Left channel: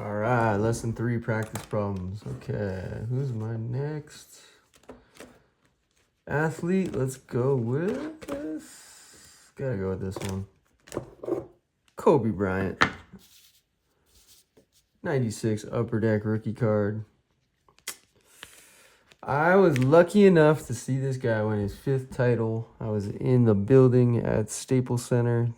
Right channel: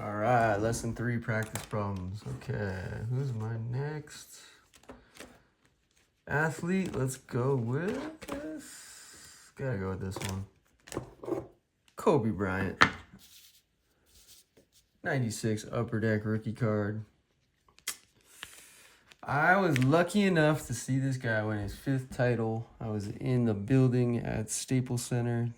All right, lesson 3, practice problems. Okay, who's my next athlete? Let's go with this. Gotta go with this one. Kobe Bryant. 96 Upper Deck rookie card. I was lucky enough to see this guy win his 5th title. I was in the building at Staples Center.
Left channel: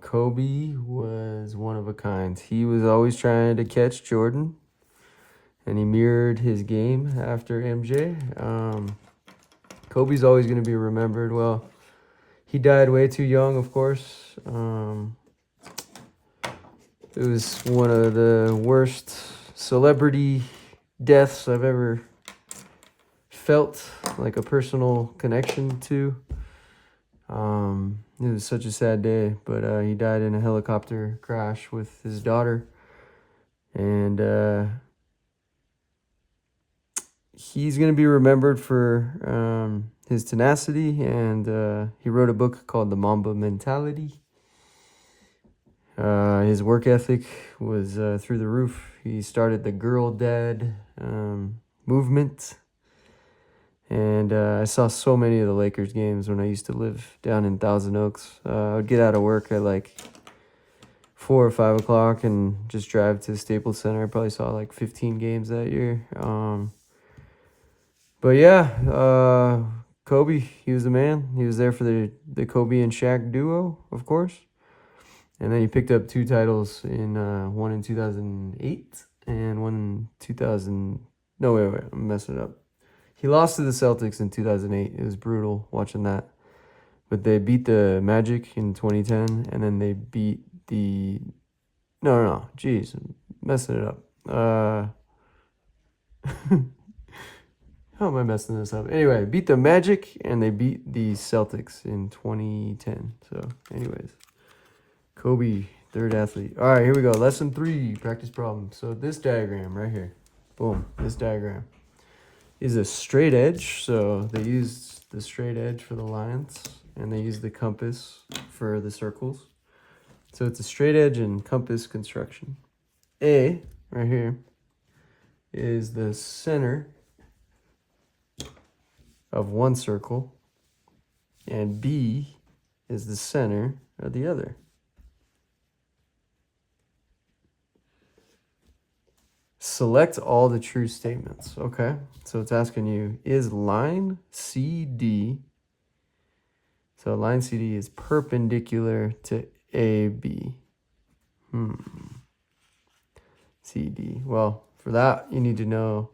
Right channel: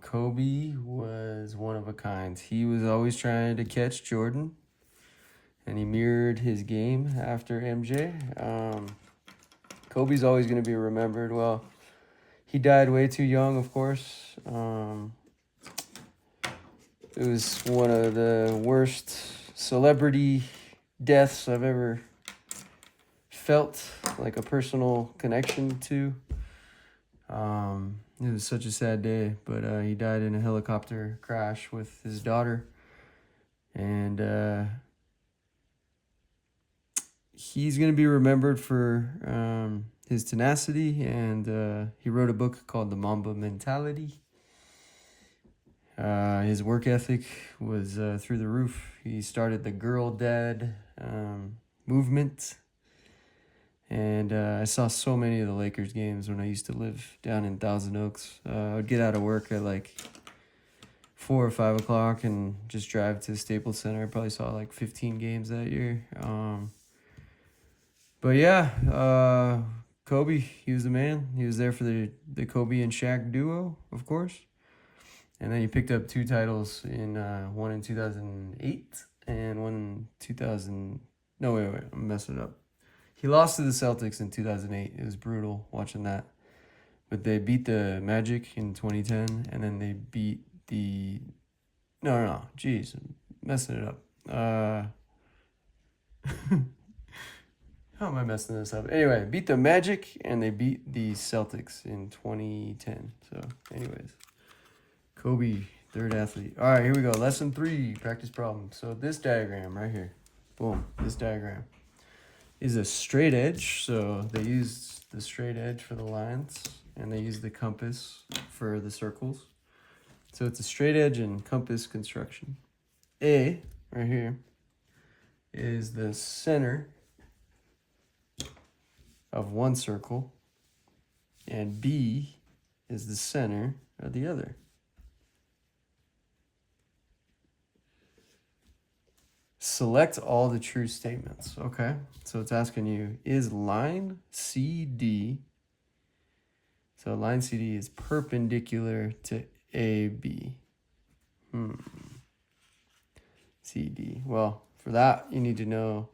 Kobe was one of a kind. He was always trying to catch Jordan, and he mirrored his game after MJ. Kobe's always going to be remembered. Well, he died way too young, of course. It was one of the worst celebrity deaths I've ever felt like a personal connection to. It was such a sad day, but he died in a helicopter crash with his daughter, and he's going to be remembered for his tenacity, and he wrote a book called The Mamba Mentality. His work ethic was through the roof. He started the Girl Dad movement. And I saw so many of the Lakers games when I used to live down in Thousand Oaks. I would get out of work at like 4 or 5 o'clock and just drive to Staples Center. I probably saw like 15 games that year. But yeah, Kobe, he was the man. He was there for the Kobe and Shaq duo, of course. And then he picked up 2 titles one in 2008 and one in 2000. No, wait, I'm messing it up. He lost to the Celtics in 2008. It was brutal watching that. But they beat the Magic in 2010, and then they beat the... No. Jeez, I'm messing it up. How am I messing this up? Anyway, beat the Magic, and they beat the Celtics in 2010. So, anyways. Kobe, 3rd athlete. All right, here we go. Lesson 3, practice problem. So this diagram right here. Boom, this diagram is a straight edge, so they used the straight edge for the lines, and they used the compass for the circles. So it's a straight edge and compass construction. A, right here, is the center of one circle, and B is the center of the other. Select all the true statements. Okay, so it's asking you, is line CD, so line CD is perpendicular to AB. CD. Well, for that, you need to know,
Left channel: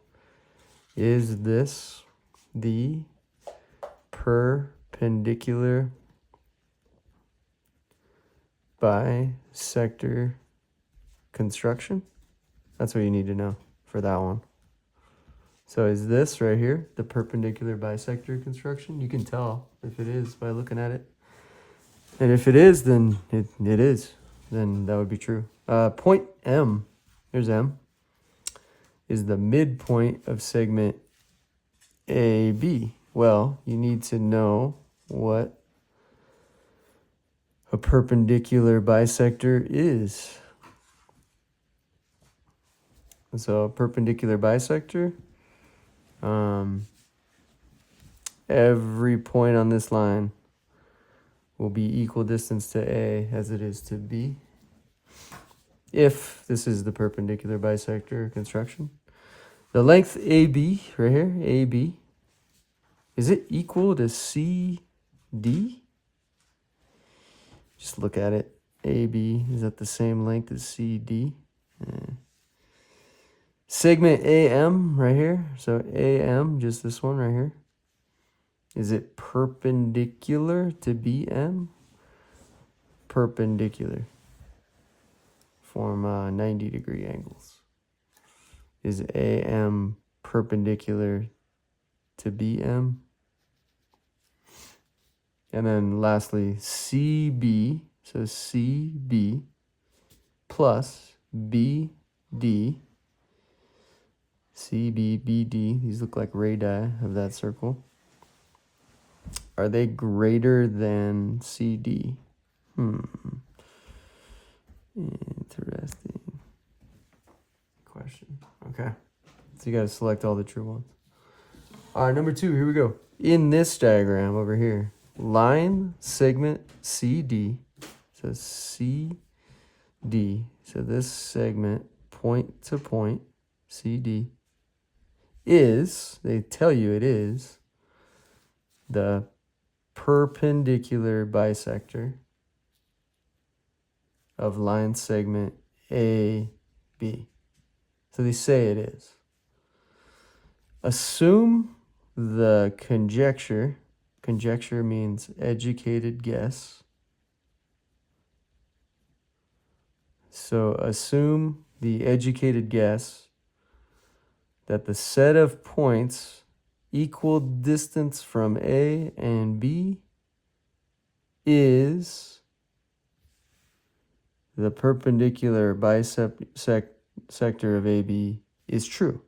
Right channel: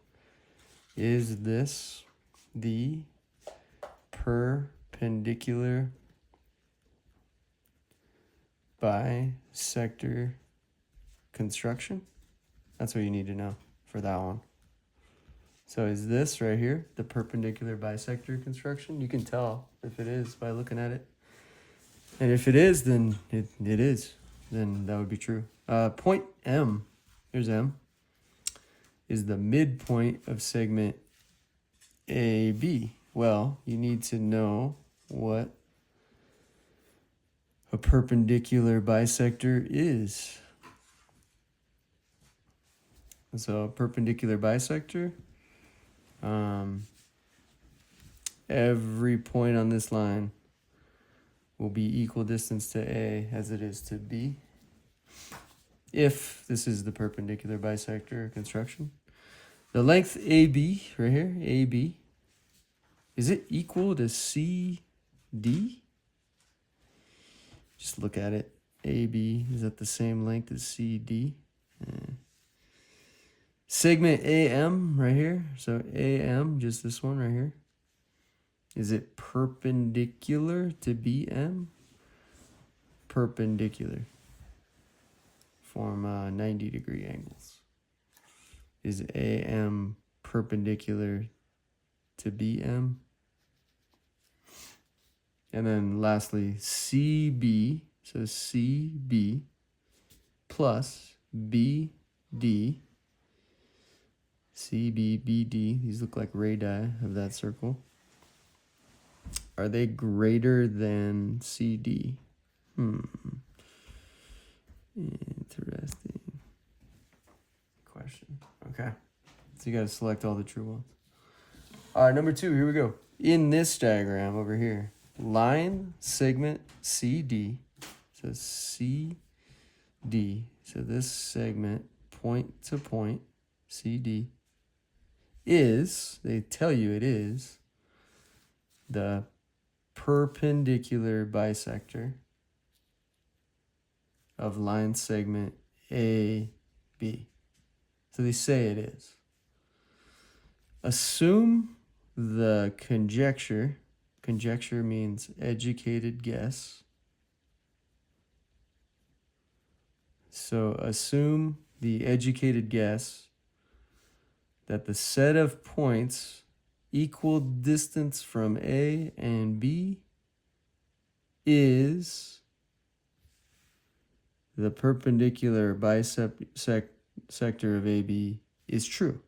is this the perpendicular bisector construction? That's what you need to know for that one. So is this right here the perpendicular bisector construction? You can tell if it is by looking at it. And if it is, then it is. Then that would be true. Point M, here's M, is the midpoint of segment AB. Well, you need to know what a perpendicular bisector is. So perpendicular bisector, every point on this line will be equal distance to A as it is to B, if this is the perpendicular bisector construction. The length AB, right here, AB, is it equal to CD? Just look at it. AB, is that the same length as CD? Segment AM right here, so AM, just this one right here, is it perpendicular to BM? Perpendicular. Form 90-degree angles. Is AM perpendicular to BM? And then lastly, CB, so CB plus BD, CB, BD, these look like radii of that circle. Are they greater than CD? Interesting. So you got to select all the true ones. All right, number 2, here we go. In this diagram over here, line segment CD, so CD, so this segment point to point, CD, is, they tell you it is, the perpendicular bisector of line segment AB. So they say it is. Assume the conjecture means educated guess. So assume the educated guess that the set of points equal distance from A and B is the perpendicular bisector of AB is true.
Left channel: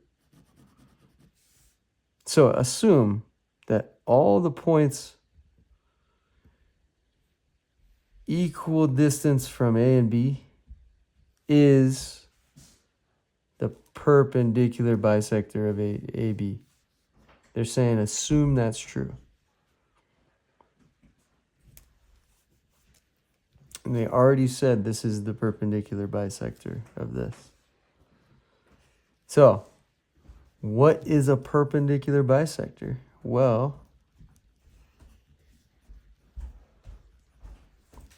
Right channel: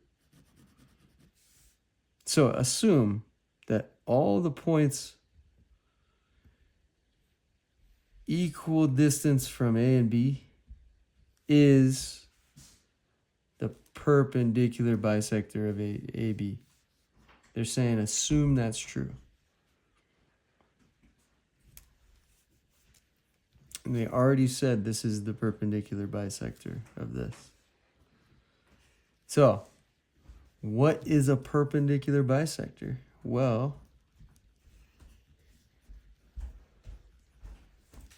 So assume that all the points equal distance from A and B is the perpendicular bisector of AB. They're saying assume that's true. And they already said this is the perpendicular bisector of this. So, what is a perpendicular bisector? Well,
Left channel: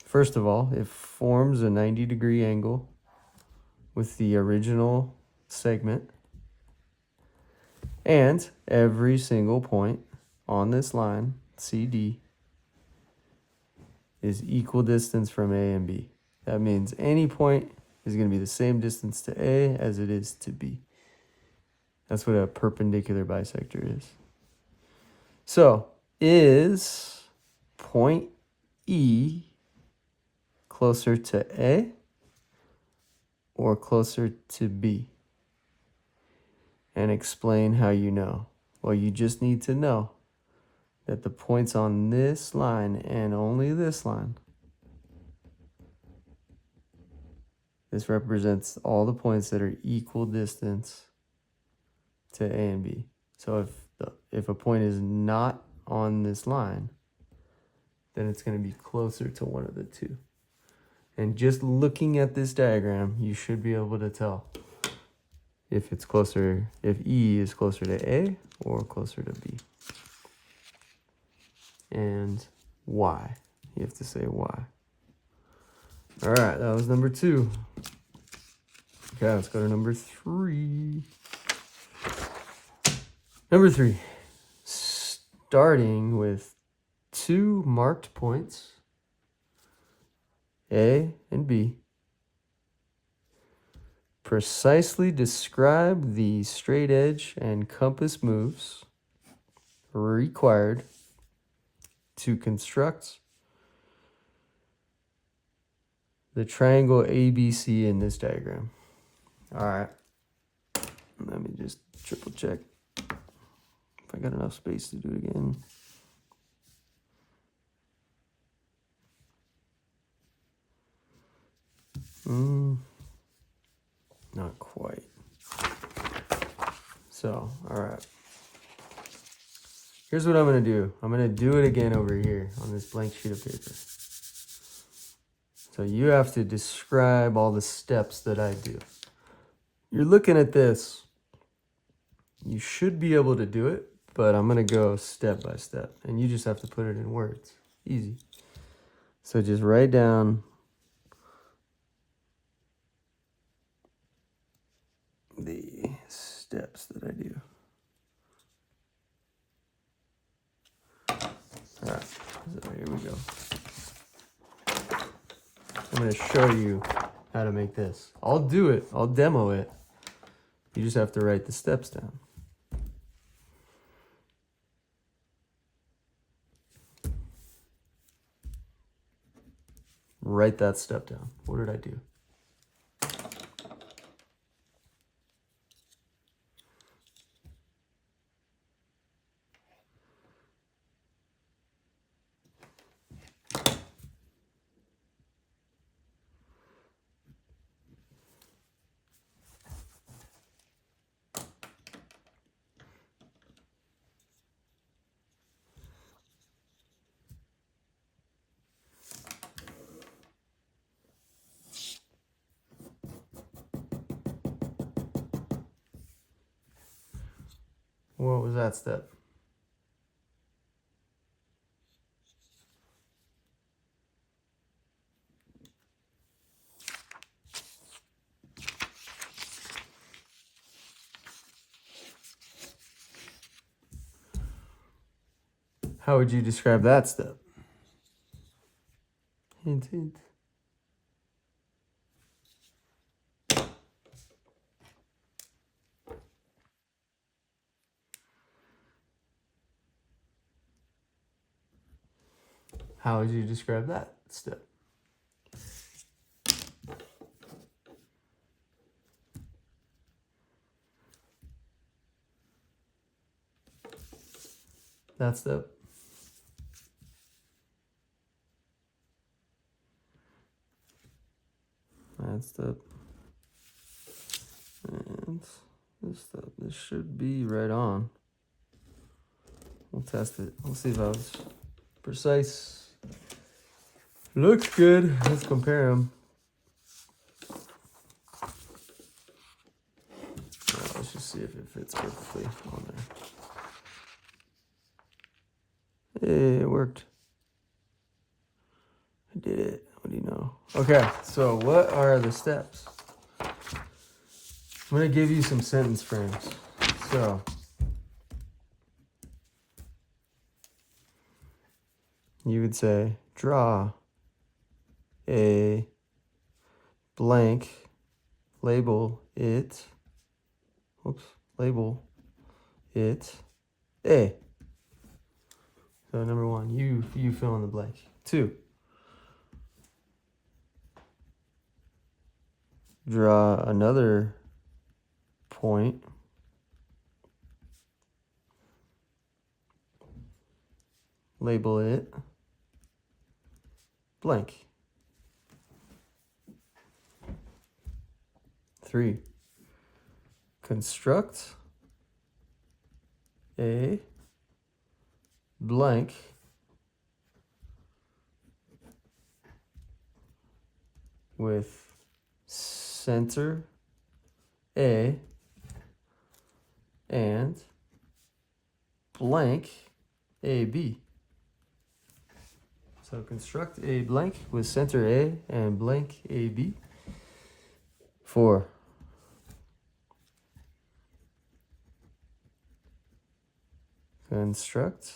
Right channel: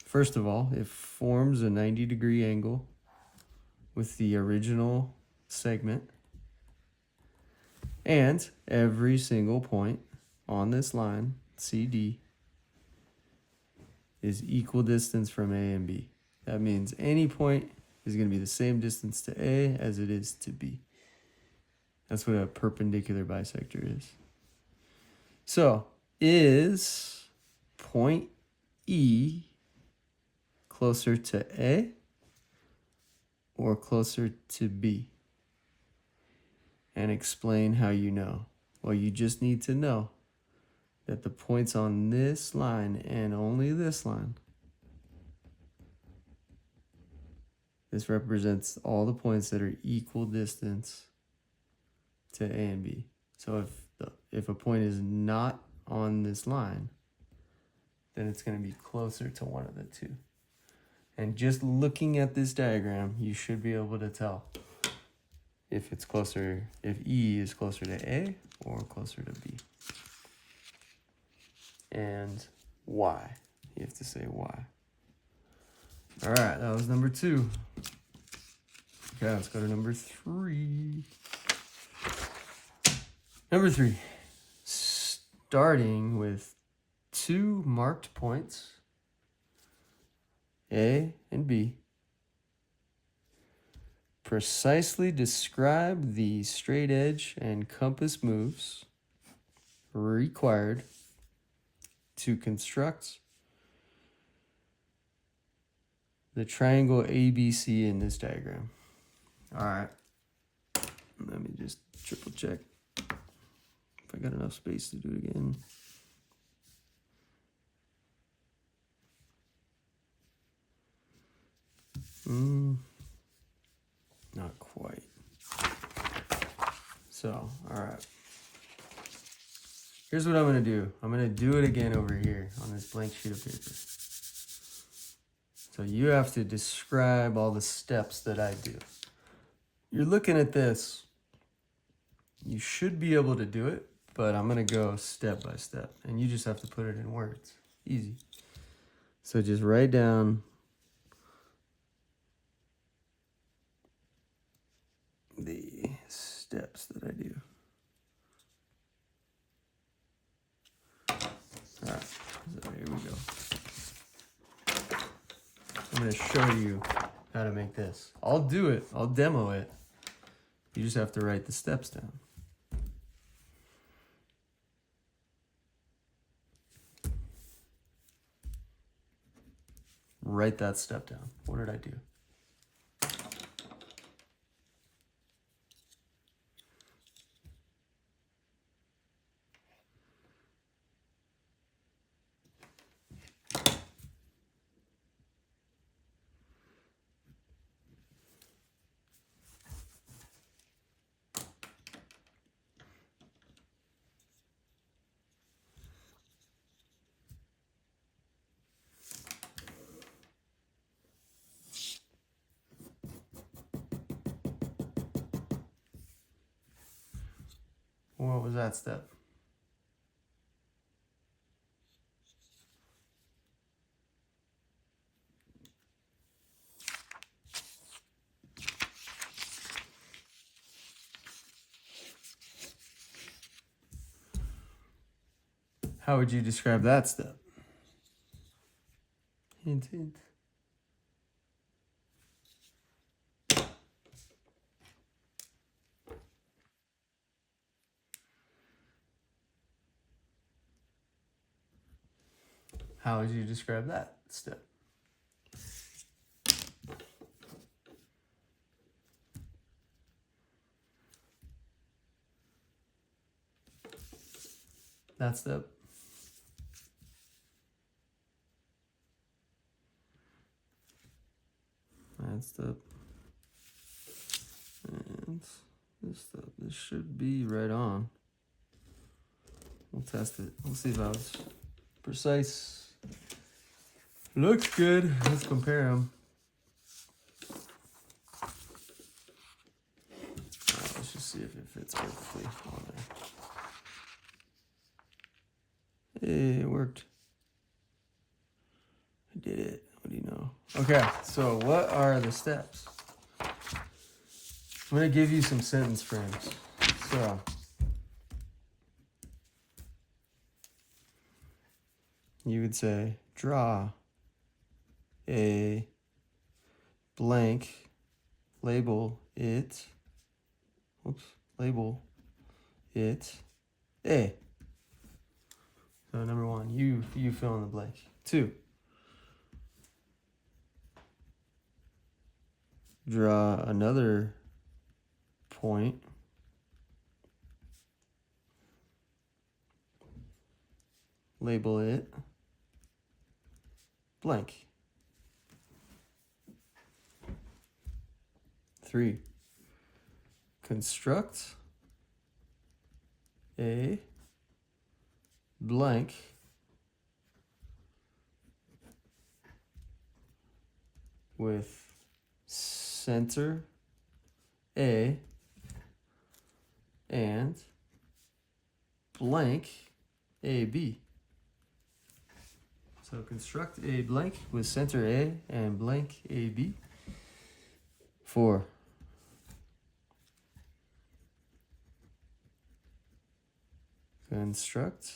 first of all, it forms a 90-degree angle with the original segment. And every single point on this line, CD, is equal distance from A and B. That means any point is going to be the same distance to A as it is to B. That's what a perpendicular bisector is. So, is point E closer to A or closer to B? And explain how you know. Well, you just need to know that the points on this line and only this line, this represents all the points that are equal distance to A and B. So if a point is not on this line, then it's going to be closer to one of the two. And just looking at this diagram, you should be able to tell if it's closer, if E is closer to A or closer to B. And why. You have to say why. All right, that was number 2. Okay, let's go to number 3. Number 3, starting with 2 marked points, A and B, precisely describe the straight edge and compass moves required to construct the triangle ABC in this diagram. All right, let me just triple check if I got enough space to do it again. Not quite. So, all right. Here's what I'm going to do. I'm going to do it again over here on this blank sheet of paper. So you have to describe all the steps that I do. You're looking at this. You should be able to do it, but I'm going to go step by step. And you just have to put it in words. Easy. So just write down the steps that I do. All right, so here we go. I'm going to show you how to make this. I'll do it. I'll demo it. You just have to write the steps down. Write that step down. What did I do? was that step? How would you describe that step? Hint, hint. How would you describe that step? That step. That step. And this step. This should be right on. We'll test it. We'll see if I was precise. Looks good. Let's compare them. Let's just see if it fits perfectly on there. Hey, it worked. I did it. What do you know? Okay, so what are the steps? I'm going to give you some sentence frames. So, you would say, draw a blank, label it, label it A. So number one, you fill in the blank. 2, draw another point, label it blank. 3, construct a blank with center A and blank AB. So construct a blank with center A and blank AB. 4, construct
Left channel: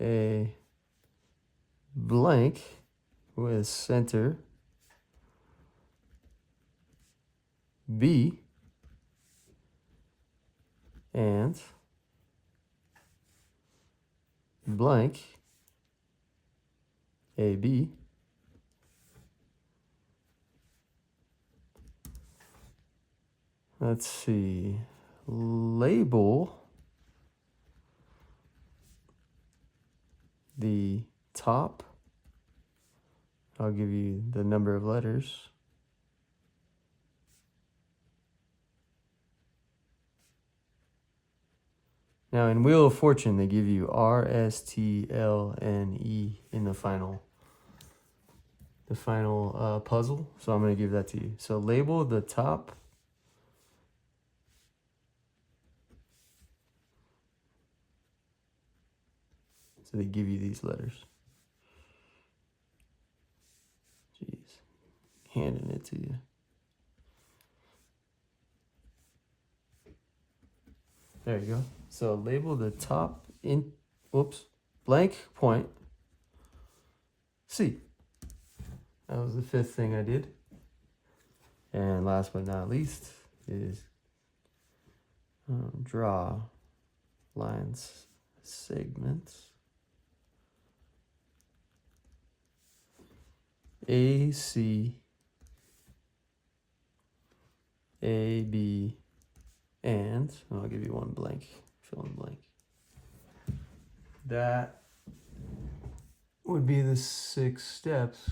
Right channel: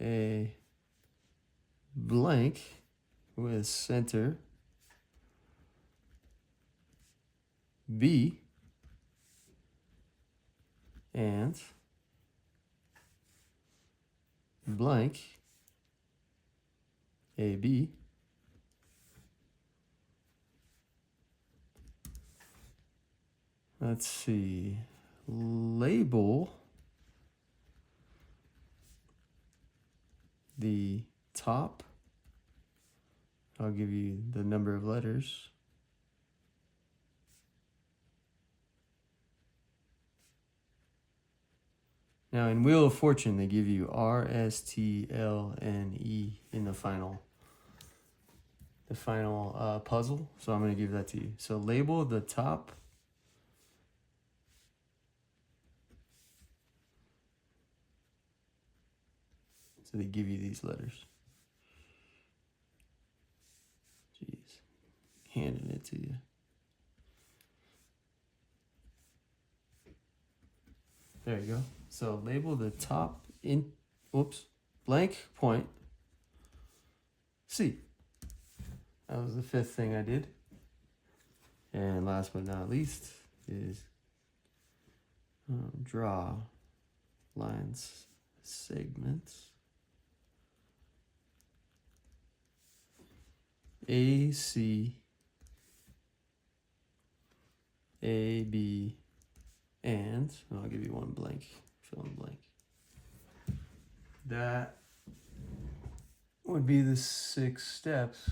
a blank with center B and blank AB. Let's see, label the top. I'll give you the number of letters. Now in Wheel of Fortune, they give you R, S, T, L, N, E in the final puzzle. So I'm going to give that to you. So label the top. So they give you these letters. Jeez, handing it to you. There you go. So label the top blank point C. That was the 5th thing I did. And last but not least is draw lines, segments. A, C, A, B, and I'll give you one blank, fill in blank. That would be the 6 steps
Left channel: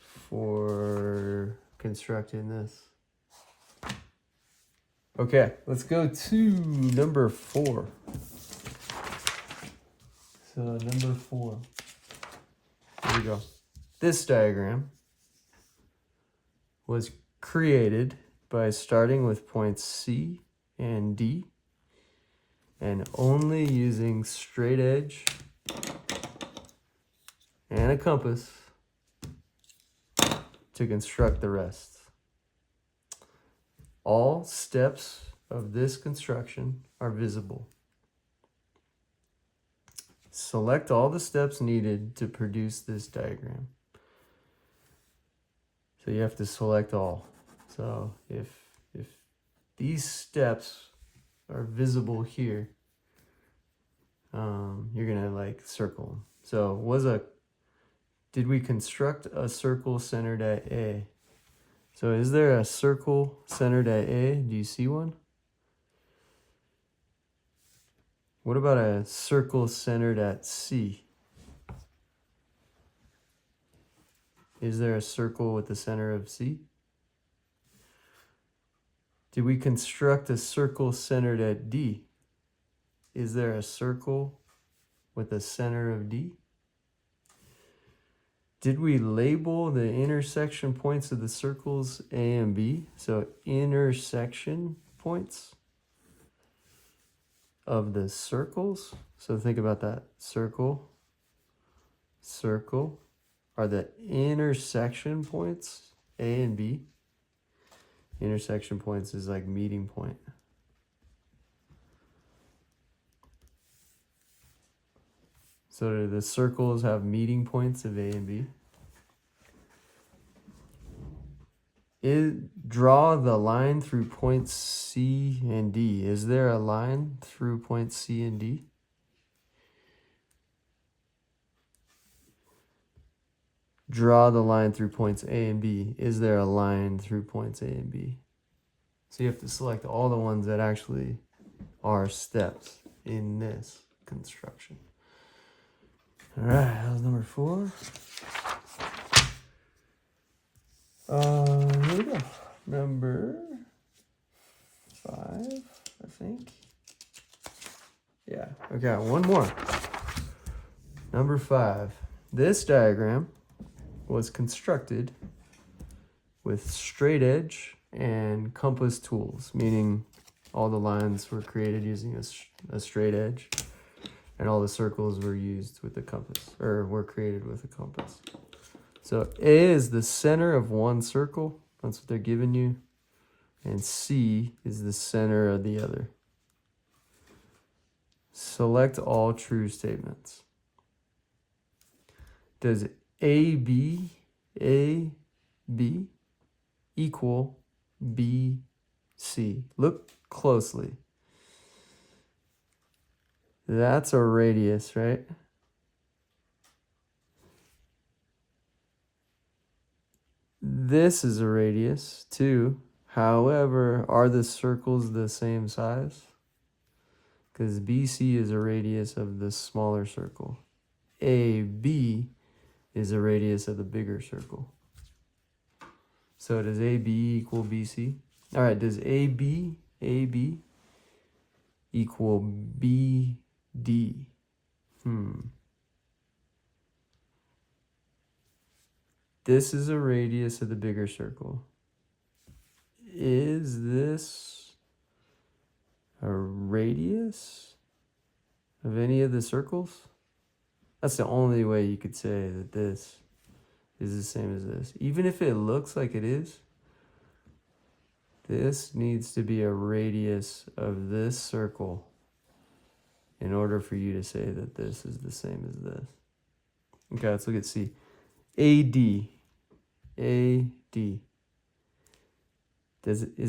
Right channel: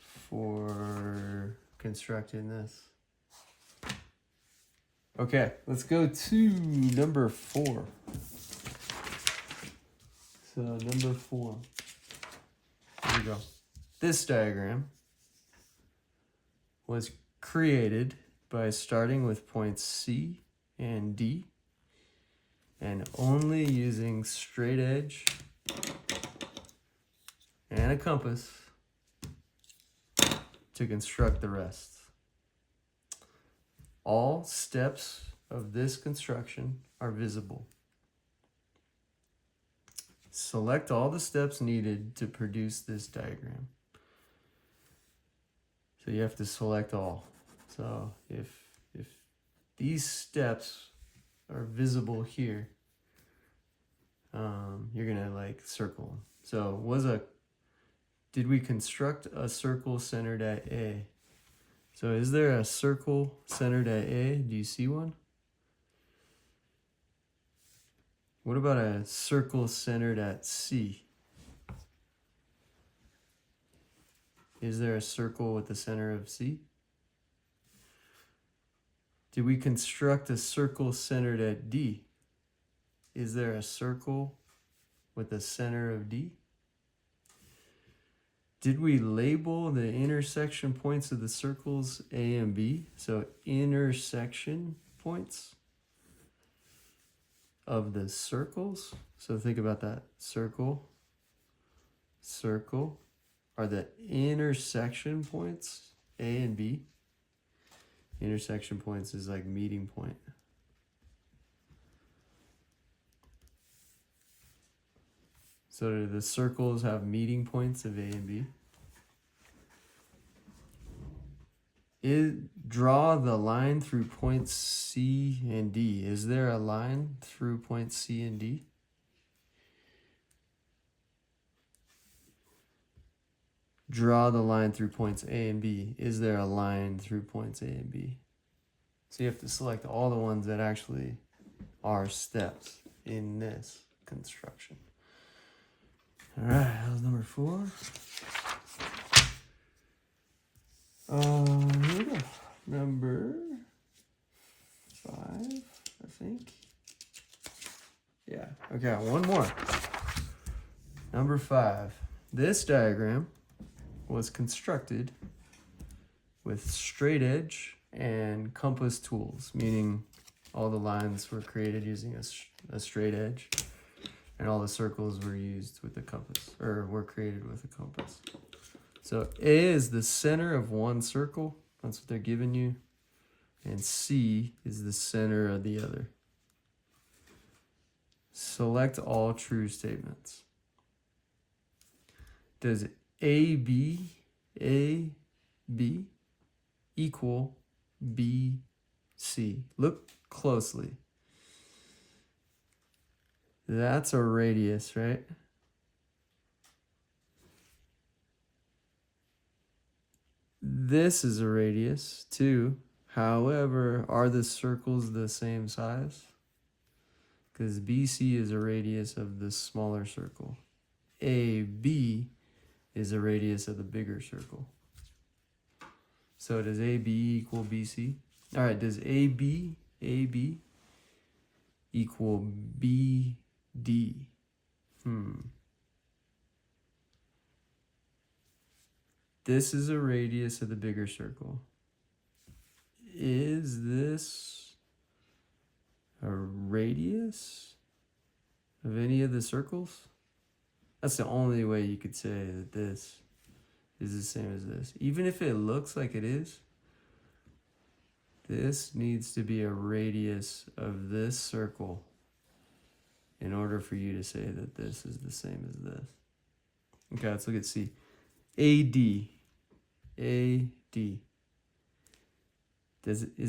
for constructing this. Okay, let's go to number 4. So number 4, here we go. This diagram was created by starting with points C and D and only using straight edge and a compass to construct the rest. All steps of this construction are visible. Select all the steps needed to produce this diagram. So you have to select all. So if these steps are visible here, you're gonna like circle them. So did we construct a circle centered at A? So is there a circle centered at A? Do you see one? What about a circle centered at C? Is there a circle with the center of C? Did we construct a circle centered at D? Is there a circle with the center of D? Did we label the intersection points of the circles A and B? So intersection points of the circles. So think about that. Circle, circle are the intersection points A and B. Intersection points is like meeting point. So do the circles have meeting points of A and B? Draw the line through points C and D. Is there a line through points C and D? Draw the line through points A and B. Is there a line through points A and B? So you have to select all the ones that actually are steps in this construction. All right, that was number 4. Here we go. Number 5, I think. Yeah, okay, one more. Number 5. This diagram was constructed with straight edge and compass tools, meaning all the lines were created using a straight edge, and all the circles were used with the compass, or were created with a compass. So A is the center of one circle. That's what they're giving you. And C is the center of the other. Select all true statements. Does AB equal BC? Look closely. That's a radius, right? This is a radius too. However, are the circles the same size? Because BC is a radius of the smaller circle. AB is a radius of the bigger circle. So does AB equal BC? All right, does AB equal BD? This is a radius of the bigger circle. Is this a radius of any of the circles? That's the only way you could say that this is the same as this. Even if it looks like it is, this needs to be a radius of this circle in order for you to say that this is the same as this. Okay, let's look at C. AD. Is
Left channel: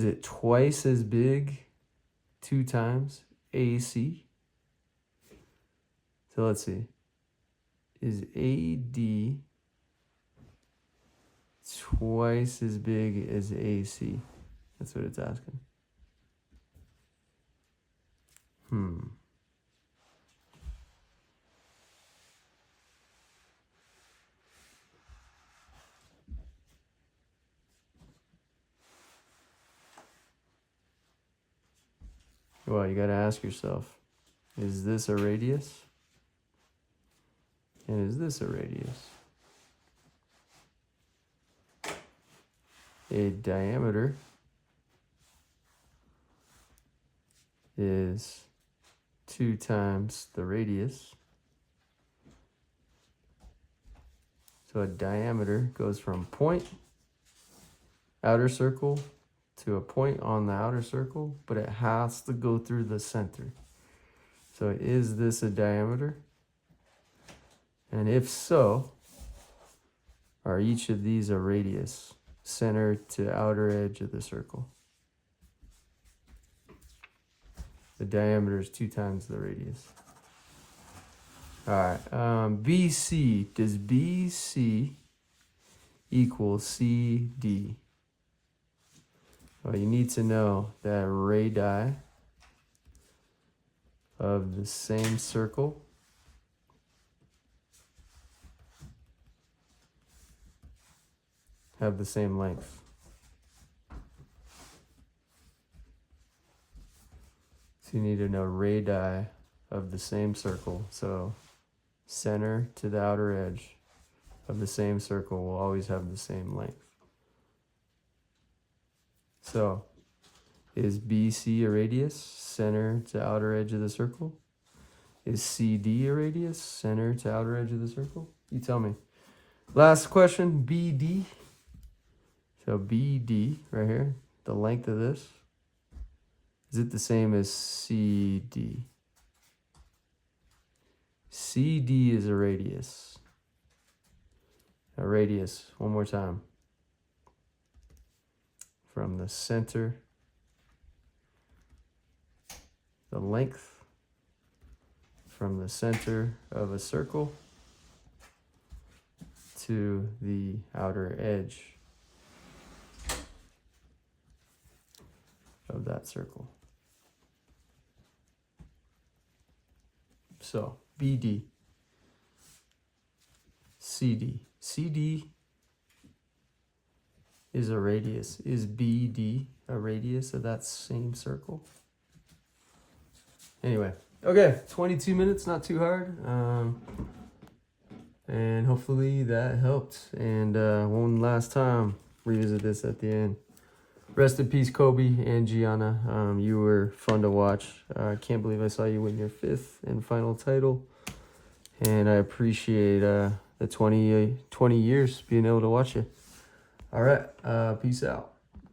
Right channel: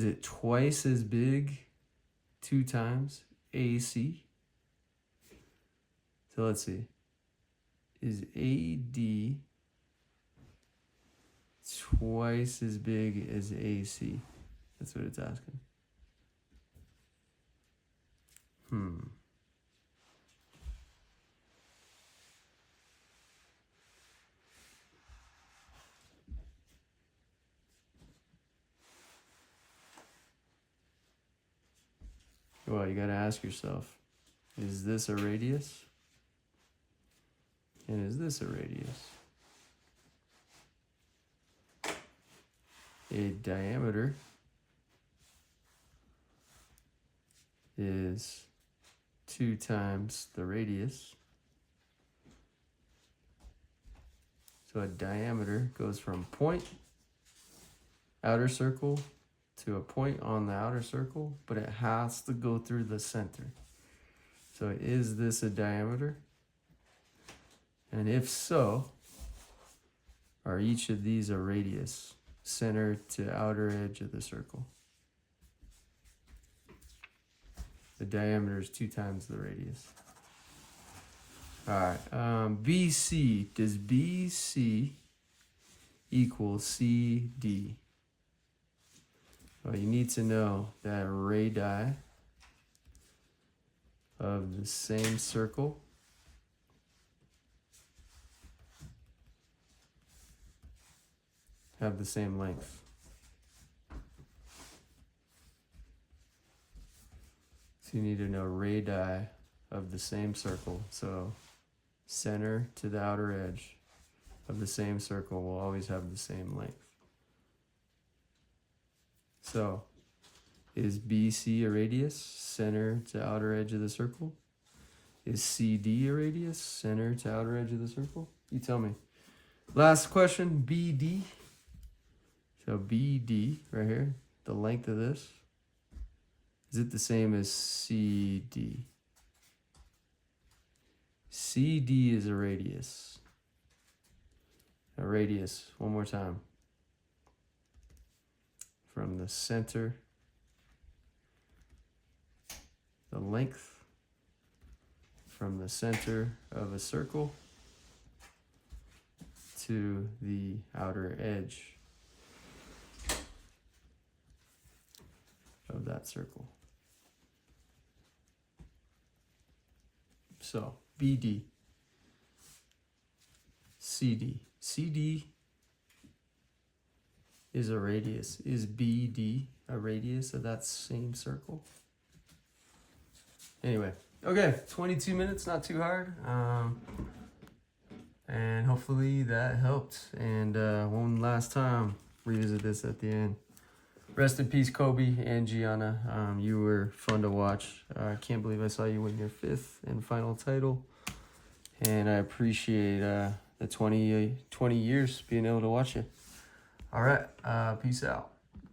it twice as big 2 times AC? So let's see. Is AD twice as big as AC? That's what it's asking. Well, you got to ask yourself, is this a radius? And is this a radius? A diameter is 2 times the radius. So a diameter goes from point, outer circle, to a point on the outer circle, but it has to go through the center. So is this a diameter? And if so, are each of these a radius, center to outer edge of the circle? The diameter is 2 times the radius. All right, BC, does BC equal CD? Well, you need to know that radii of the same circle have the same length. So you need to know radii of the same circle. So center to the outer edge of the same circle will always have the same length. So is BC a radius, center to outer edge of the circle? Is CD a radius, center to outer edge of the circle? You tell me. Last question, BD. So BD right here, the length of this, is it the same as CD? CD is a radius. A radius, one more time. From the center, the length from the center of a circle to the outer edge of that circle. So BD, CD. CD is a radius. Is BD a radius of that same circle? Anyway, okay, 22 minutes, not too hard. And hopefully that helped. And one last time, revisit this at the end. Rest in peace, Kobe and Gianna. You were fun to watch. I can't believe I saw you win your 5th and final title. And I appreciate the 20 years being able to watch you. All right, peace out.